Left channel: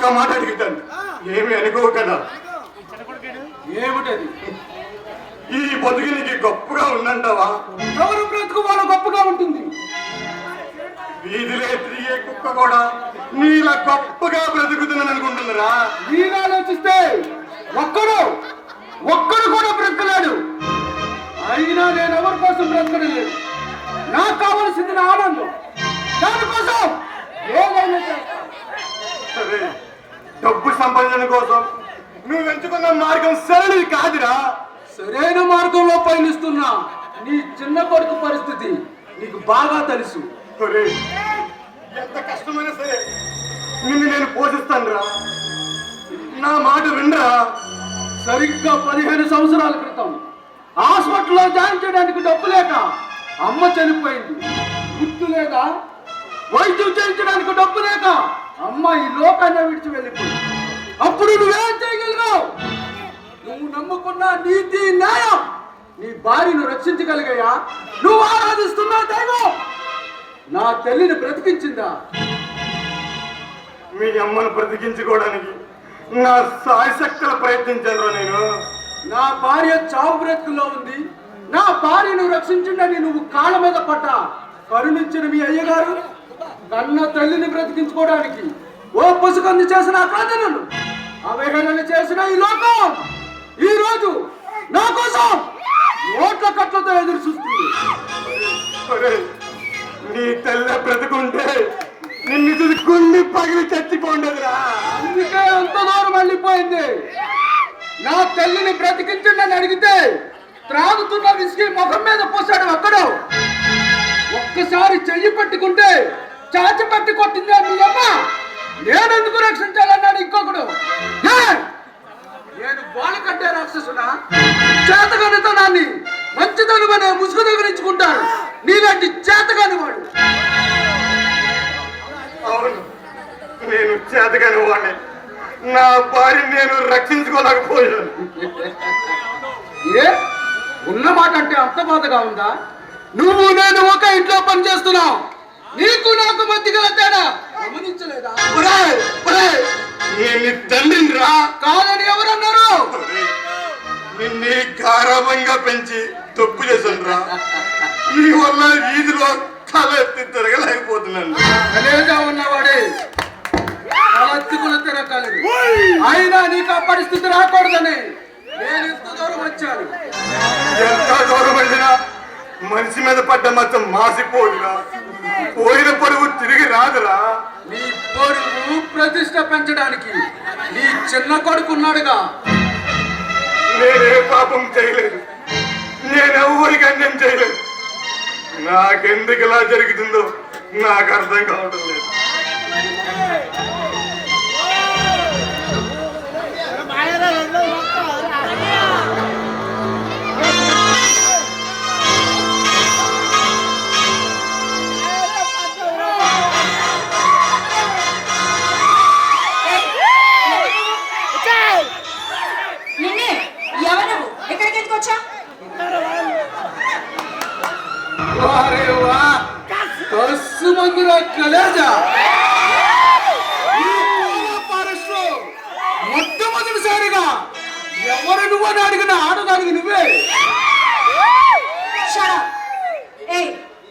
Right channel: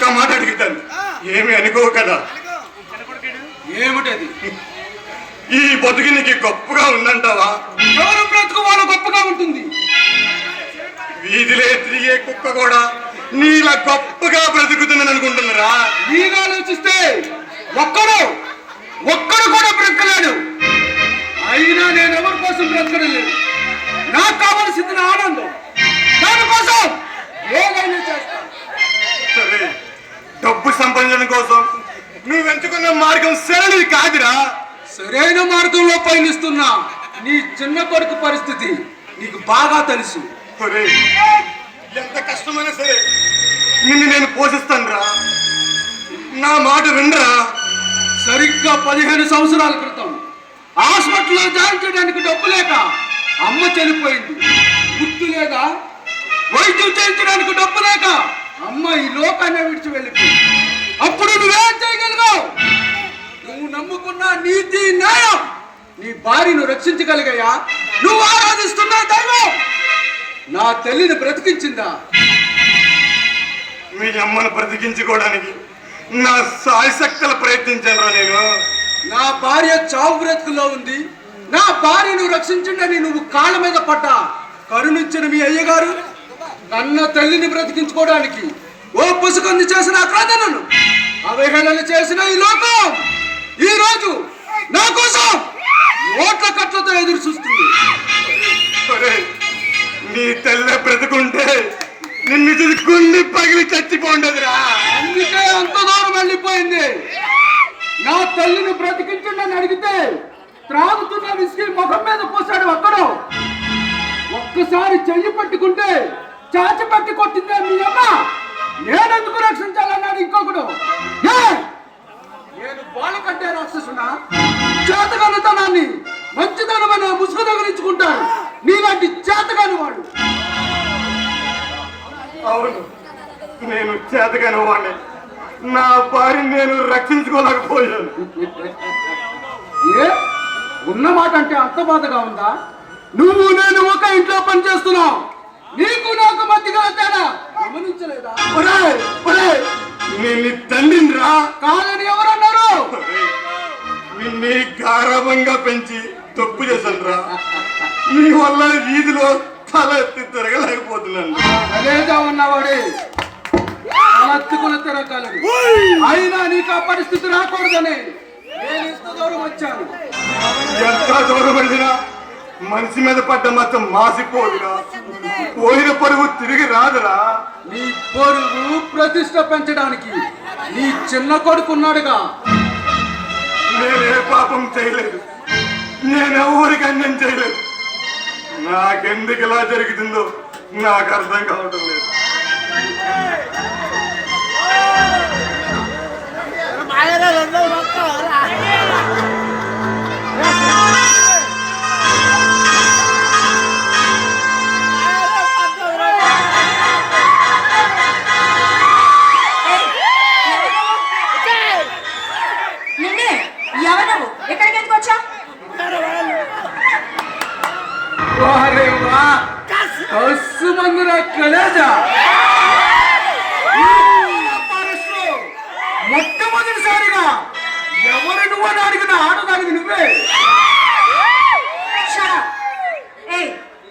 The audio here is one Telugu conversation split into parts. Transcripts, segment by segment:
ఒక్క మాట అడుగుతాను, ఏమి అనుకో కదా. ఏమిటది? ఈ బతుకు నీకు గొప్పగా ఉందంటావా? ఎవరు బ్రతుకు వాళ్ళ గొప్పగా ఉంటుంది. వీధిలే తిరిగే కుక్క కూడా నీలా గొప్పగా బ్రతుకుతుందని అనుకుంటున్నారా? వీగా ఆలోచిస్తే ఒక్కడు కూడా బ్రతకలేడు. అయినా నేను ఎవరి కోసం బ్రతకడం లేదు. నాకు కావలసింది నా ఆనందం. దానికోసం ఏదైనా చేస్తాను. సరే, డబ్బు సంపాదన కోసం నువ్వు ఎంచుకున్న మార్గం సరైనది కాదురా. సరైన మార్గంలో పయనిస్తున్నా నీ చిన్న కొడుకు పరిస్థితి నీకు బాగా తెలుసు. సరే, ఎంత కష్టమైనా సరే నిన్ను నేను పోషిస్తాను రా. నా మాట వినరా. సరిగ్గా 15 సంవత్సరాల క్రితం హాస్పిటల్లో జాయిన్ చేయడానికి డబ్బు లేక అమ్మ చనిపోయింది. గుర్తు లేదా? వైద్యం చేయించడానికి డబ్బు లేక అమ్మ ఈ లోకాన్ని విడిచి వెళ్ళిపోయింది. అప్పుడు నువ్వేం చేయగలిగావు? నువ్వు నమ్ముకున్న నీతి న్యాయం నీ భార్యను రక్షించగలిగాయా? నువ్వు ఆరాధిస్తున్న దైవం నా తల్లిని బ్రతికించిందా? మీ అమ్మను బ్రతికించుకోవడానికి నా సాయశక్తులు ప్రయత్నించాను నేను. నా భార్య చావు బ్రతుకులో ఉంది. నా భార్యను రక్షించిందని నువ్వు కాళ్ళ మీద పడ్డా కరుణించిన మీ అయ్యగారు నన్న తల్లిని బ్రతికించుకోవడానికి ఓ పసుకంది చేసిన అక్రాదనను అవహేళన చేసిన ఈ లోకం ఈ రోజు నా కోసం ఓట్ల కట్లతో ఎదురు చూస్తుంది. నీ తల్లి బ్రతుకుంటే నిన్ను చూసి గుండె పగిలి చచ్చిపోండదురా. అందుకే అంత దూరం వెళ్ళిపోయింది. నా తల్లిని బ్రతికించండి అడిగితే త్రాగుతున్న విసిగి ముఖం మీద పోసాడు ఒక్కడు. ఒక్కసారి చెయ్యి పట్టుకుంటే చాచి పట్టి కొట్టింది మీ అమ్మ. నేనెందుకు రక్షించాలన్నాడు ఇంకొకడు. నేను వాళ్ళకంటే రాక్షసునా? చేతగానితనాన్ని మంచితనమనే ముసుగు తగిలించుకుంటాను నీలాంటి చేతగాని వాడు. అవును, నేను చేతగాని వాడిని. నా భార్యను నేను రక్షించుకోలేకపోయాను. ఏ ఉన్న మాట అంటే అంత బాధగా ఉందా? నువ్వు నేను ఒక ఇంట్లో పని చేస్తున్నావు. నీకు నాకు మధ్య గల తేడా గమనించలేదా? నేను తండ్రిని రా. కాదని ఎవరన్నారు? నిన్ను గారాభంగా పెంచి తప్పు చేశాను రా. నీ వల్ల వీధిలో తల ఎత్తి తిరగలేకపోతున్నాను. అనేదా ఉన్నవాడే తల ఎత్తుకుని తిరగలేదు. అయినా నీకు ఆ పరిస్థితి రాకూడదని నేను ఎంత దూరం వచ్చాను. ఎంత దూరం వచ్చినా మనిషి మీద పడ్డ మొత్తం మాసిపోదురా. పోయిన పరువు తిరిగి రాదురా. నీ పరువు ప్రతిష్ట పెంచడానికి నీ చిన్న కొడుకు ఉన్నాడుగా. నేనే పాపం చేయలేదు. నేనెవరికి అన్నం చేయలేదు. నాకెందుకు ఇలా జరుగుతుందో నాకు అర్థం కావటం లేదు. మొట్టమొదటిసారిగా ఎవరు నువ్వు అని అడిగిన ఆడదానికి నువ్వే.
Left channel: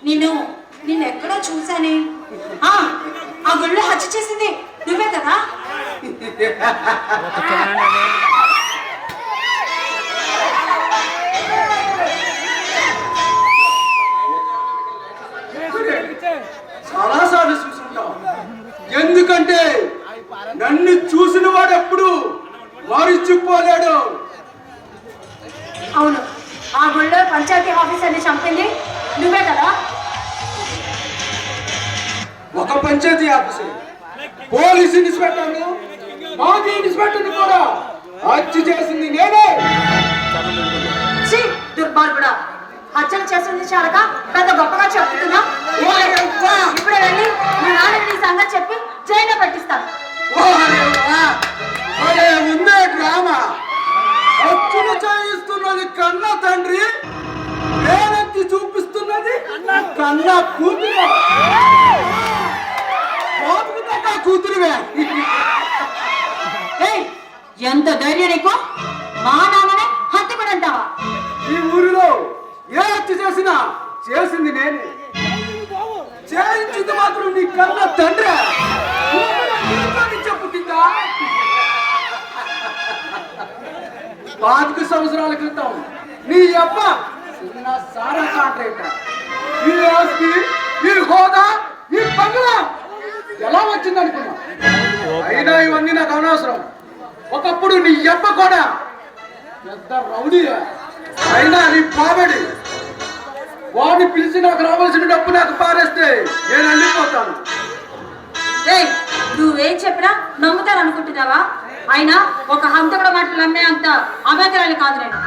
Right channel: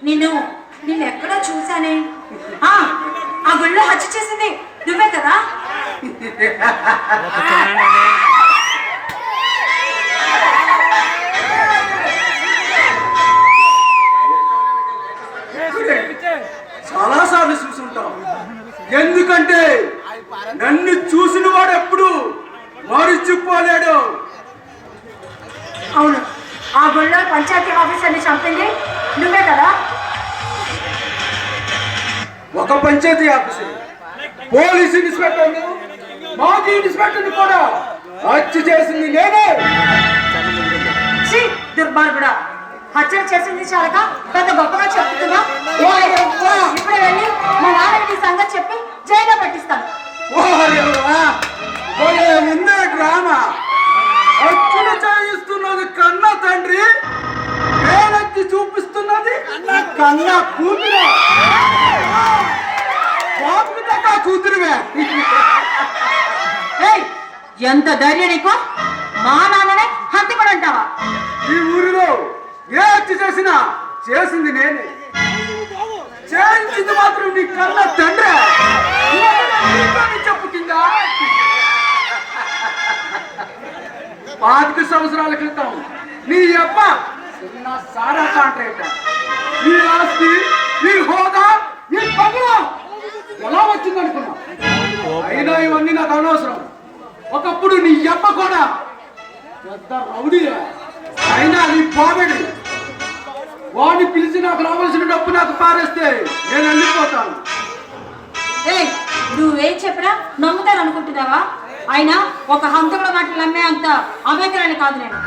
నిన్ను ఎక్కడో చూసానే. ఆ గుళ్ళో హత్య చేసింది నువ్వే కదా? చాలాసార్లు చూసుంటావు. ఎందుకంటే నన్ను చూసిన వాడు ఎప్పుడు మరిచిపోలేడు. అవును, ఆ గుళ్ళో పంచాయతీ ఆఫీసర్ని చంపింది నువ్వే కదా? ఒక పంచాయతీ ఆఫీసర్, పోలీసు ఇన్స్పెక్టర్ను, మాజీ ఇన్స్పెక్టర్ని కూడా హత్య చేసింది నేనే. దుర్మార్గుడా, హత్యలు చేసింది చాలక పెద్ద గొప్పగా చెప్తున్నా. ఇప్పుడు వెళ్ళి మా నాన్న సంగతి చెప్పి జైల్లో పెట్టిస్తాను. ముందే డ్రామా హత్యను చేయిస్తున్నది కన్న తండ్రి, వేలెత్తి చూపిస్తున్నది కన్న కూతురు. బాబుకి తగ్గ కూతురుగా ఎంత ధైర్యం నీకు? మా నాన్ననే హంతకుడు అంటావా? ఈ ఊరిలో ఏ హత్య చేసినా చేసింది నేను, చేయించింది మాత్రం నీ కన్న తండ్రి. చెప్పు కింద 25 సంవత్సరాల క్రితం నీ అబ్బ చిన్న సారా కాంట్రాక్టర్. ఈ ఆస్తి, ఈ హోదా, ఈ బంగ్లా ఎలా వచ్చింది అనుకున్నా? అయినా ఇవన్నీ నాకు అనవసరం. ఒకప్పుడు నీ అబ్బ కూడా పెద్ద రౌడీ, అయినా నీ పోబడి. వాడిని పిలిచి నాకు రావాల్సిన డబ్బు నాకు పారేస్తే నేను వెళ్ళిపోతాను. నువ్వేం చెప్పినా నమ్ముతాను అనుకుంటున్నావా? అయినా ఒక హంతకుడు మాటలు నమ్మే అంత అభ్యంతరాలు కాదు నేను.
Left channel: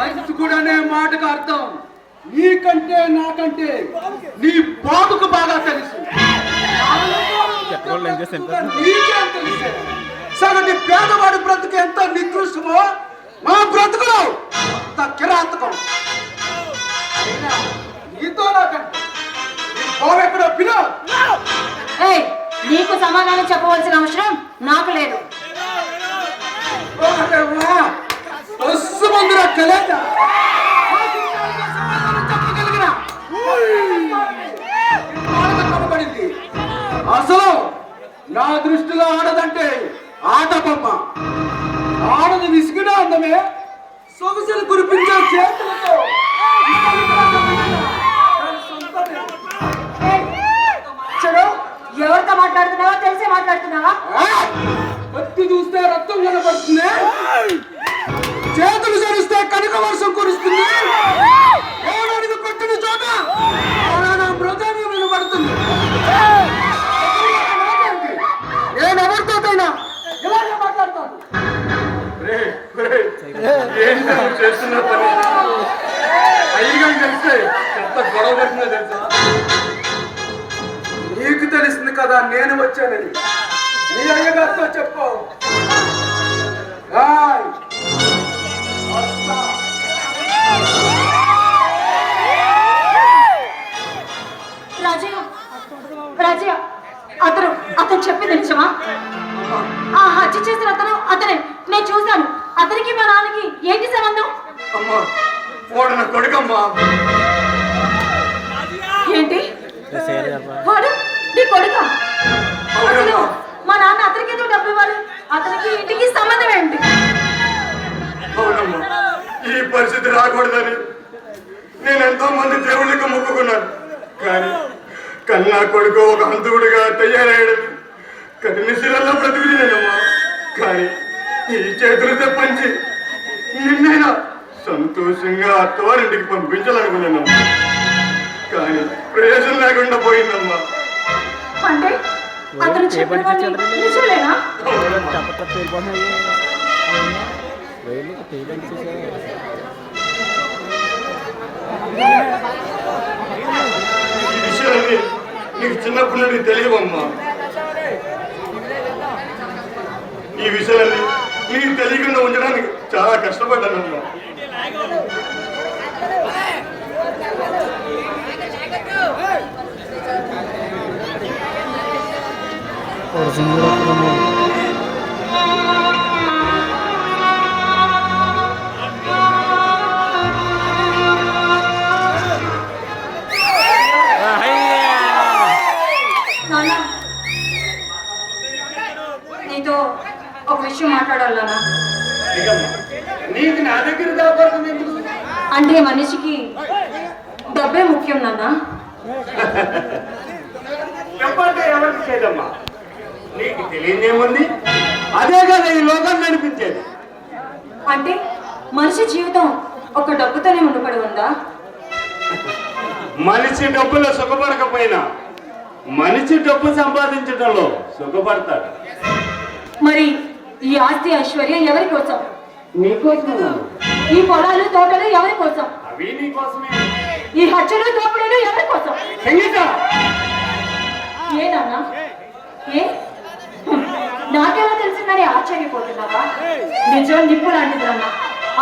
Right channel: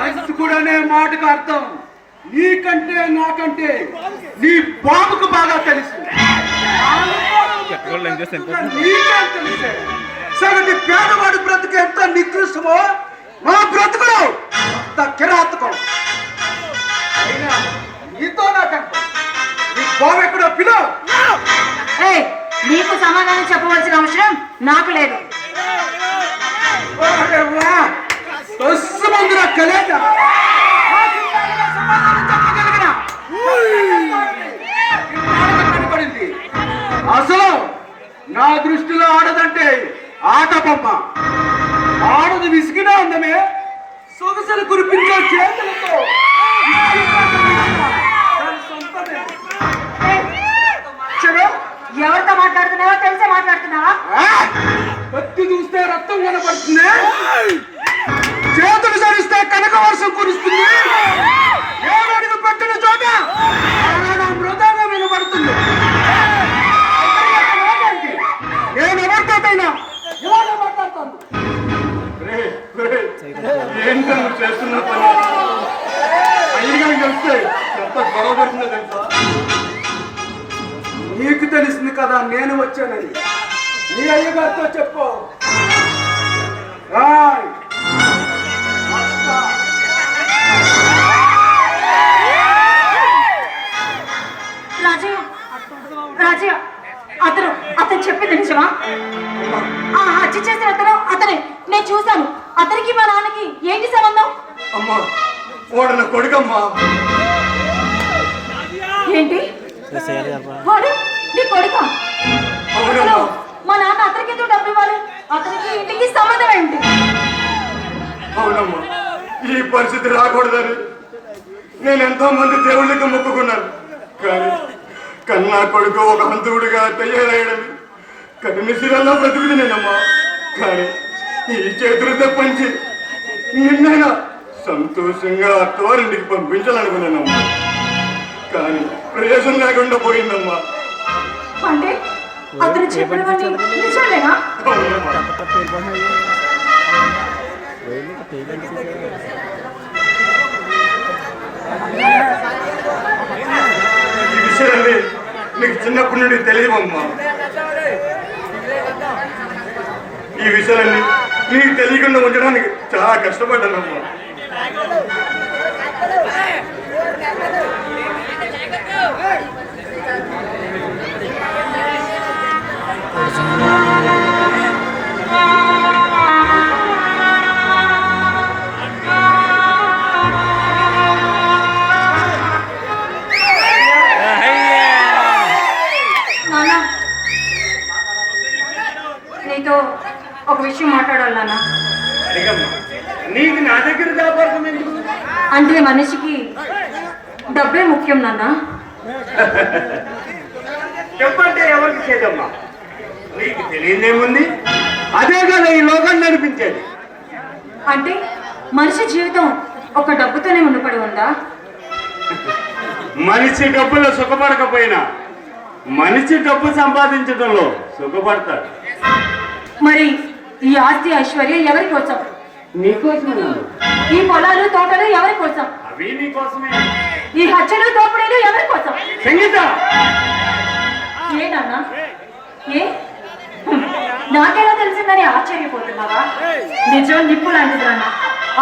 హంతకుడనే మాటకు అర్థం నీకంటే నాకంటే నీ బాబుకు బాగా తెలుసు. నీకేం తెలుసు? సగటి పేదవాడి బ్రతుకు ఎంత నికృష్టమో నా బ్రతుకులు అంత కిరాతకం. నీతో నాకంటే నీ బాబు ఎక్కడో పిలువు. నీకు సమాధానం చెప్పవలసిన అవసరం నాకు లేదు. అసలు నా దృష్టిలో ఆడదంటే ఆట బొమ్మ. ఆడది విసిగిన అందమే సొగసులు కురిపించే చేతులతో. ఎవరితో మాట్లాడుతున్నావా? తెలిసే మాట్లాడుతున్నావా? కత్తి చూస్తే రక్తం కనపడుతుంది, చేతులు సరిస్తే కనక వర్షం కురుస్తుంది, ఏడడుగు పట్టిన చోట మృతంగా వినబడుతుంది. నేను ఎవరితోటైనా ఇలాగే మాట్లాడతాను. ఏంటో చేస్తున్న పని అయ్యగా తెలిస్తే ఎంత గొడవ పడుతుందో తెలుసా? నీకు తెలిసింది కదా నేను వచ్చానని. నీ అయ్యగారితో చెప్పు. రాజయ్య, అతను చెప్పింది నిజమా? హత్య చేసిన అతనే. నేను చూశాను. అతనికి మా నాన్నకి ఏంటి సంబంధం? అమ్మా, వాడు నా కొడుకమ్మా. ఏంటి? వాడు నీ కొడుకా? అసలు మా నాన్న అతనికి ఎందుకు డబ్బులు ఇవ్వాలి? అతనికి ఇంటికి సంబంధం ఏంటి? అవునమ్మా, ఈ పరిస్థితి రాకూడదని నేను ఎంతో మంది దేవుళ్ళకి మొక్కుకున్నాను. కానీ కన్నా కొడుకు ఒక హంతువుడిగా తయారయ్యడం కఠినశీలలో బ్రతుకుది నేనమ్మా. కానీ ఈ చేతులు తప్పించి నిన్నైనా సంతోషంగా అత్తవారింటికి పంపించాలనుకున్నానమ్మా. కానీ ప్రయోజనం లేకుండా పోయిందమ్మా. అంటే అతను చెప్పినవన్నీ నిజమేనా? ఈ విషయాన్ని నీకు చిన్నప్పటి నుండి తెలియవమ్మా. ఈ విషయాన్ని నీకు తెలియకుండా ఉండడానికి చాలా కష్టపడ్డానమ్మా. నీతో ఒక విషయం మాట్లాడాలన్నా. నీకు నా దగ్గర దాపడుతుంది ఎందుకు? అంటే మనిషికి డబ్బే ముఖ్యం నాన్న. చెప్పంటే ఎవరికి చేదమ్మా? నీకు తెలియదేముంది? అదే కదా ఈ లోకాన్ని నడిపించేది. అంటే మనిషి జీవితం ఒక డబ్బుతోనే ముడిపడి ఉందా? మనిషి డబ్బులో సుఖపడకపోయినా మనిషి డబ్బు సంపాదించడంలో సుఖపడతాడు. మరి ఈ ఆస్తి ఐశ్వర్యం ఎవరి కోసం? నీకోసమే. ఈ పొలాలు తోటలు ఎవరి కోసం? అవి నీకోసమే. ఈ హత్యలు దోపిడీలు ఎవరి కోసం? సంగీత, ఏ నాన్న? ఏ నాకెలా తెలిసిందని ఆశ్చర్యపోతున్నావా? నిజం నిప్పు లాంటిది నాన్న.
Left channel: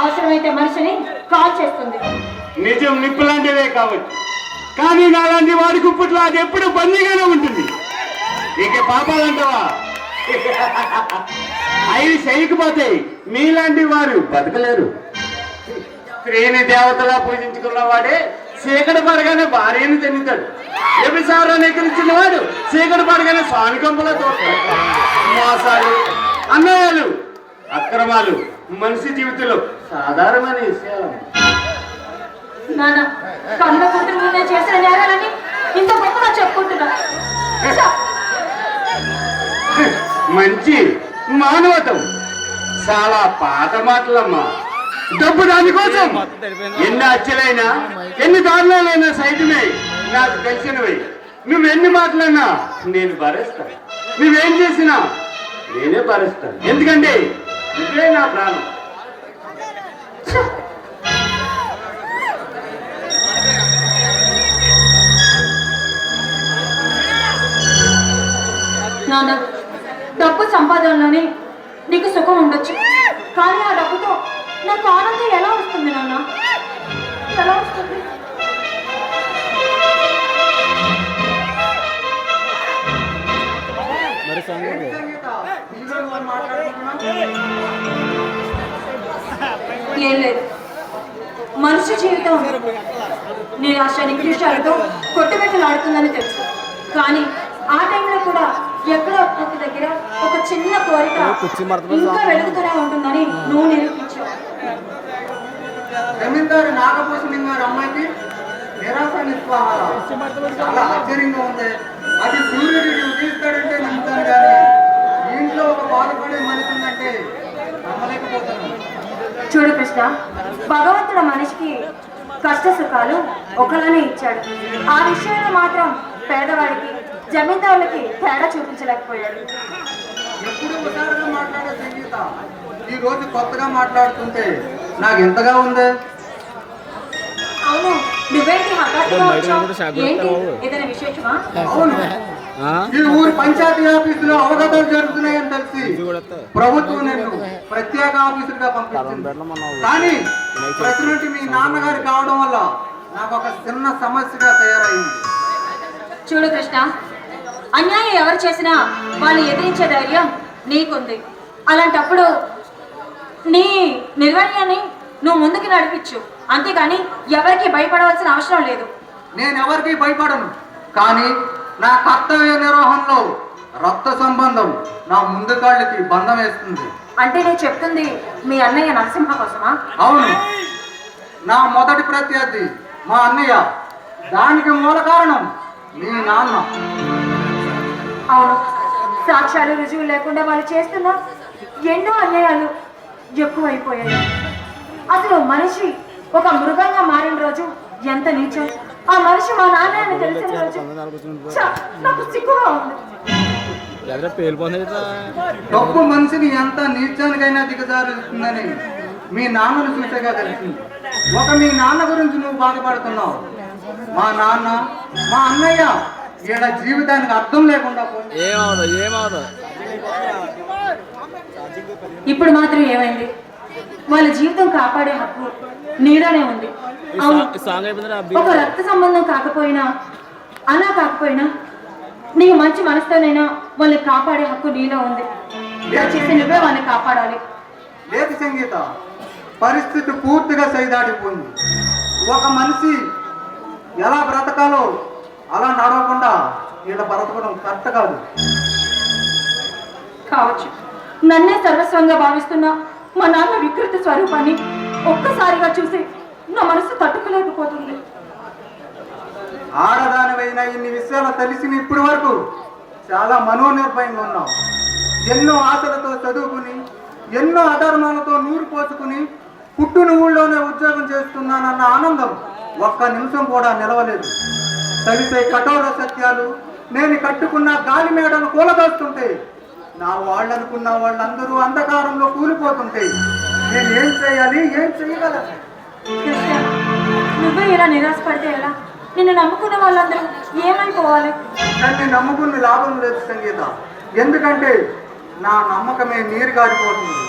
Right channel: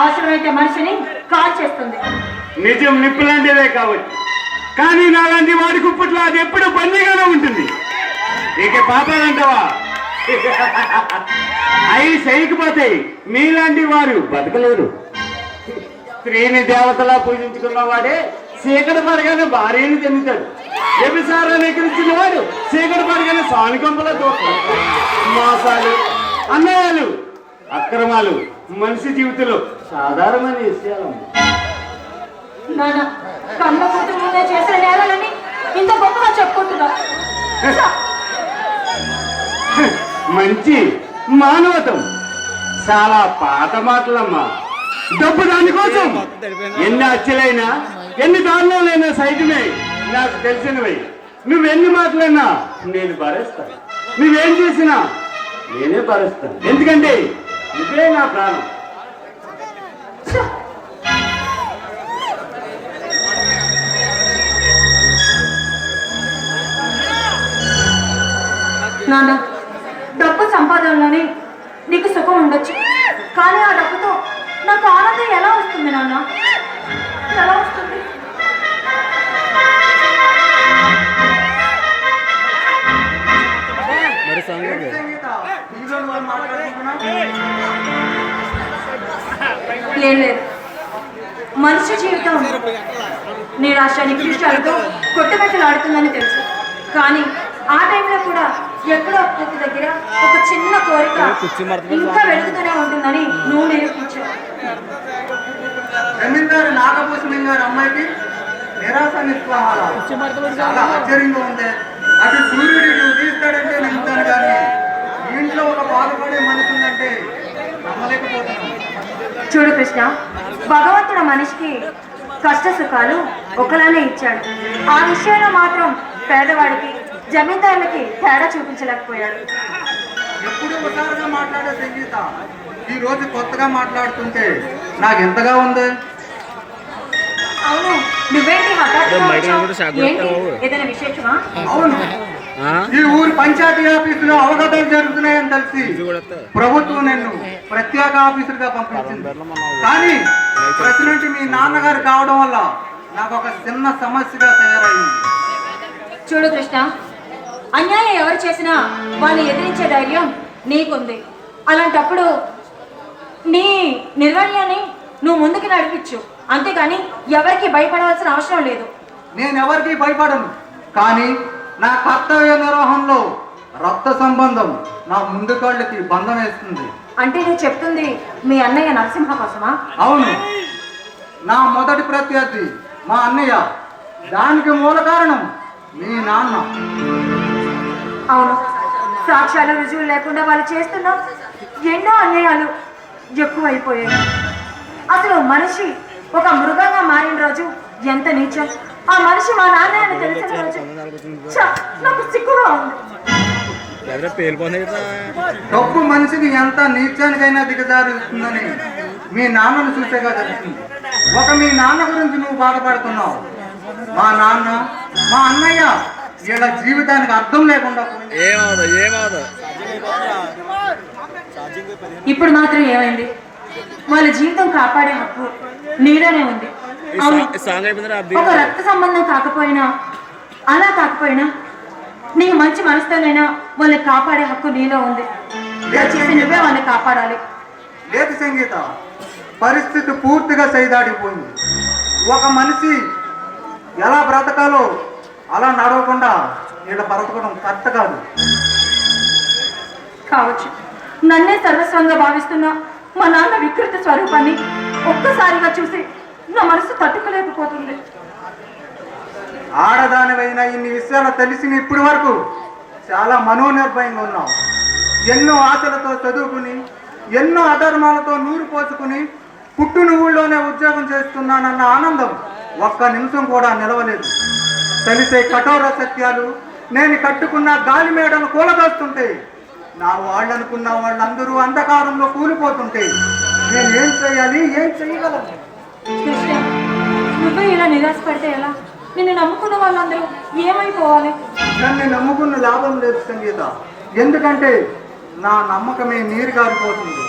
అవసరమైతే మనిషిని కాల్ చేస్తుంది. నిజం నిప్పు లాంటిదే కావచ్చు, కానీ నాలాంటి వాడి గుప్పట్లో అది ఎప్పుడు బందీగానే ఉంటుంది. ఇక పాపాలంటావా? అవి చేయకపోతాయి. మీలాంటి వారు బతకలేరు. స్త్రీని దేవతలా పూజించుకున్న వాడే చీకటి పడగానే భార్యను తింటాడు. వ్యభిచారాన్ని ఎక్కిరించిన వాడు చీకటి పడగానే స్వామి కొంపలో దూరుతాడు. మోసాలు, అన్యాయాలు, అక్రమాలు మనిషి జీవితంలో సాధారణమైన విషయాలు. నాన్న కళ్ళ ముందు నువ్వే చేసే నేరాలని ఇంత గొప్పగా చెప్పుకుంటున్నా. మంచి మానవతం. చాలా పాత మాటలమ్మా. డబ్బు దానికోసం ఎన్ని హత్యలైనా ఎన్ని దారుణాలైనా సైతమే నాకు తెలిసినవి. నువ్వెన్ని మాటలన్నా నేను భరిస్తాను. నువ్వేం చేసినా నేనే భరిస్తాను. ఎందుకంటే ఇదే నా ప్రాణం. నాన్న డబ్బు సంపాదనలోనే నీకు సుఖం ఉండొచ్చు, కానీ ఆ డబ్బుతో నాకు ఆనందం ఎలా వస్తుంది నాన్న? ఎలా వస్తుంది? ఏం లేదు, మనిషి జీవితం నిరాశ నికృష్టాలతో కొట్టుమెట్టులాడుతుందని తెలుసు. కానీ ఆ టైంలో కూడా ఎక్కడో ఒక్క దగ్గర ఒక చిన్న కోరిక ఇంకా వెళుతూనే ఉంటుందని నువ్వు నిరూపించావు. జమీందారు నాగభూషణం గారి అమ్మాయికి నిరాశ నిస్పృహ చాలా ఆశ్చర్యంగా ఉంది. అది సూర్యుడు ఉదయిస్తాడంటే నమ్ముతాను, కానీ ఇంట్లో ఒక బాధపడే మనసు ఉందంటే నమ్మలేకపోతున్నాను. చూడు కృష్ణ, భగవంతుడు మనిషికి కష్ట సుఖాలు ఒకలానే ఇచ్చాడు. ఆ విషయంలో మాత్రం పేదవాడికి జమీందారులకి తేడా చూపించలేకపోయాడు. ఎప్పుడు ఒకసారిగా మాట్లాడే సంగీత ఈ రోజు కొత్తగా మాట్లాడుతుంటే నాకు ఎంతగా ఉంది. అవును, నువ్వేంటి హఠాత్తుగా ఏదైనా విశేషమా? అవును, ఈ ఊరు పంచాయతీ ఆఫీసులో అవగతాలు జరుగుతున్నాయని తెలిసి ప్రభుత్వం నిన్ను ప్రత్యేక ఆఫీసులుగా పంపించింది. కానీ ప్రెసిడెంట్ మీ నాన్నగారు కావడం వల్ల నాకు ఒక చిన్న సమస్యగా తయారైంది. చూడు కృష్ణ, అన్యాయం ఎవరు చేసినా వాళ్ళు ఎదిరించే ధైర్యం నీకుంది. అలాంటప్పుడు నీ నిర్వహణని నువ్వు ముందుకు నడిపించు, అంతేగాని ఎవరికి భయపడవలసిన అవసరం లేదు. నేను ఎవరికి భయపడను, కానీ నా కర్తవ్య నిర్వహణలో రక్త సంబంధం నా ముందు కాళ్ళకి బంధం వేస్తుంది. అంటే నువ్వు చెప్తుంది మీ అన్నయ్య నరసింహ కోసమా? అవును, నా మొదటి ప్రత్యర్థి మా అన్నయ్య. దానికి మూల కారణం మీ నాన్న. అవును, సాక్ష్యాలు రుజువులు లేకుండా వాళ్ళు చేస్తున్న ఎన్నో అన్యాయాలు ఎక్కువైపోయాయి. అసలు మనిషి ఒక మృగంగా మారిన రోజు ఎంత నీచం. ఆ మనిషి మా నాన్న అని తెలిసిన రోజు నాకు సిగ్గుగా ఉంది. డబ్బు మనిషిని ఎంత నీచానికైనా దిగజారుతుందని మీ నాన్నను చూసేగా తెలిసింది. మీ నాన్న గురించి నువ్వు బాధపడుతున్నావు. మా నాన్న, మా అన్నయ్య వీళ్ళ జీవితానికి అర్థం లేకుండా ఇప్పుడు మాత్రం ఏమైంది? వాళ్ళ జీవితం కాపాడే హక్కు నీలోనే ఉంది. ఒక రక్త సంబంధం కాకపోయినా, అలా కాకపోయినా నీ మంచి మనసుతోనైనా వాళ్ళని కాపాడే హక్కు నీలో ఉంది. దయచేసి నువ్వే వాళ్ళని కాపాడాలి. లేదు సంగీత, పరిస్థితి పూర్తిగా సైదాడిపోయింది. ఒక మనిషి ఎలా బ్రతకాలో అలా నడవకుండా ఇలా బ్రతకడం కరెక్ట్ కాదు. కావచ్చు, నన్నే సర్వస్వంగా భావిస్తున్నా మా నాన్న వికృత స్వరూపాన్ని ఒక్కసారిగా చూసి నా మనసు తట్టుకోలేకపోతుంది. ఆడదానివైనా ఇన్ని విషయాలు తెలిసిన ఇప్పటి వరకు చాలా మనోనిర్భయంగా ఉన్నావు. ఎన్నో ఆశలతో చదువుకుని, ఎన్నో అధర్మాలతో నూరు పోసుకుని పుట్టిన ఊళ్ళోనే ఉద్యోగం చేస్తున్నానన్న ఆనందం ఒక్క నిమిషం కూడా నిలవలేదు. తెలిసే కఠోర సత్యాలు నేను కట్టుకున్న గాలి మేడను కూలదోస్తుంటే, నా వాళ్ళు అనుకున్న వాళ్ళందరూ అంధకారంలో కూలిపోతుంటే నేను ఏం చేయాలి, ఏం చేయగలను? కృష్ణ, నువ్వే ఇలా నిరాశపడితే ఎలా? నిన్ను నమ్ముకున్న వాళ్ళందరూ ఏమైపోవాలి? నన్ను నమ్ముకున్న లాభం లేదు సంగీత. ఎందుకంటే నా నమ్మకమే నీరు గారిపోతుంది.